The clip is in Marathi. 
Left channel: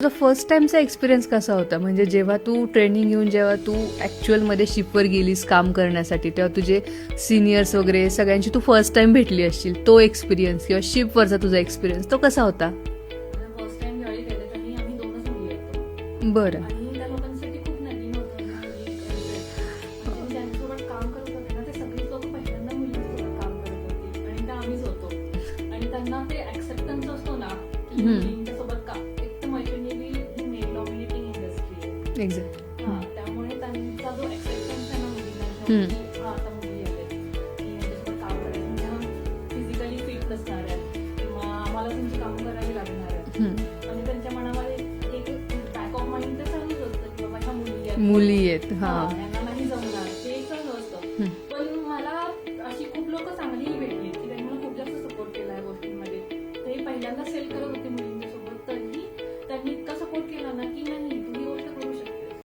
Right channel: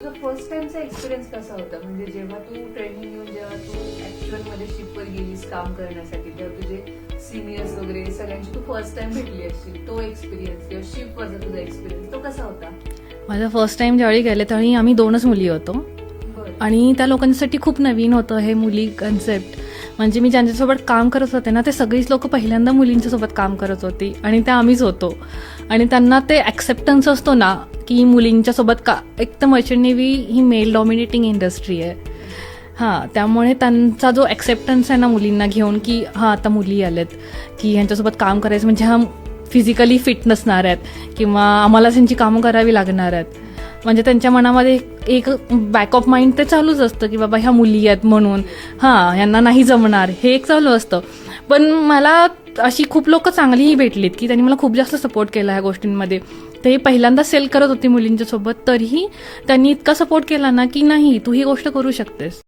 तुझा फर्स्ट टाइमचा एक्सपिरियन्स कसा होता? म्हणजे जेव्हा तू ट्रेनिंग घेऊन जेव्हा तू ॲक्च्युअलमध्ये शिपवर गेलीस काम करण्यासाठी, तेव्हा तुझे सिनियर्स वगैरे सगळ्यांची तू फर्स्ट टाइम भेटली असशील, तो एक्सपिरियन्स किंवा शिपवरचा तुझा एक्सपिरियन्स तो कसा होता? माझा फर्स्ट टाइम ज्यावेळी गेले त्यावेळी आम्ही 2च मुली होतो बरं. आणि त्या लोकांसाठी खूप नवीन होतं हे मुली कन्सेप्ट. म्हणजे मी ज्यांच्यासोबत काम करत होते ना ते सगळीच लोक पहिल्यांदा मुलींच्यासोबत काम करत होती आणि त्या आम्हीच होतो. आणि त्यांना ते ॲक्सेप्टन्स असतो ना की मुलींच्या सोबत का, एक तर मर्चंट नेव्ही ही मेल डॉमिनेटिंग इंडस्ट्री आहे. हां, त्यामुळे त्यांचा जो ॲक्सेप्टन्स आहे ना मुलींना घेऊन की हां आता मुली आल्यात की ह्यांच्यासोबत काम करायचं म्हणजे हा फिजिकली फिट नसणार आहेत किंवा आम्हाला त्यांची कामं करावी लागणार आहेत. म्हणजे त्यांच्या मनामध्ये एक बॅक ऑफ माइंड ते चालूच असतं की बाबा ह्या मुली आहेत म्हणून हां ह्यांना नाही जमणार, हे एक चालू असतं. पण मला अशी खूप लोक चांगलीही भेटलीत की त्यांनी मला खूप जास्त सपोर्ट केला ह्या गोष्टींमध्ये. ते पहिल्यांदा सेल करत होते मुलींच्या सोबत, तरीही त्यांनी इतका सपोर्ट केला ना की नाही तू ही गोष्ट करू शकतेस.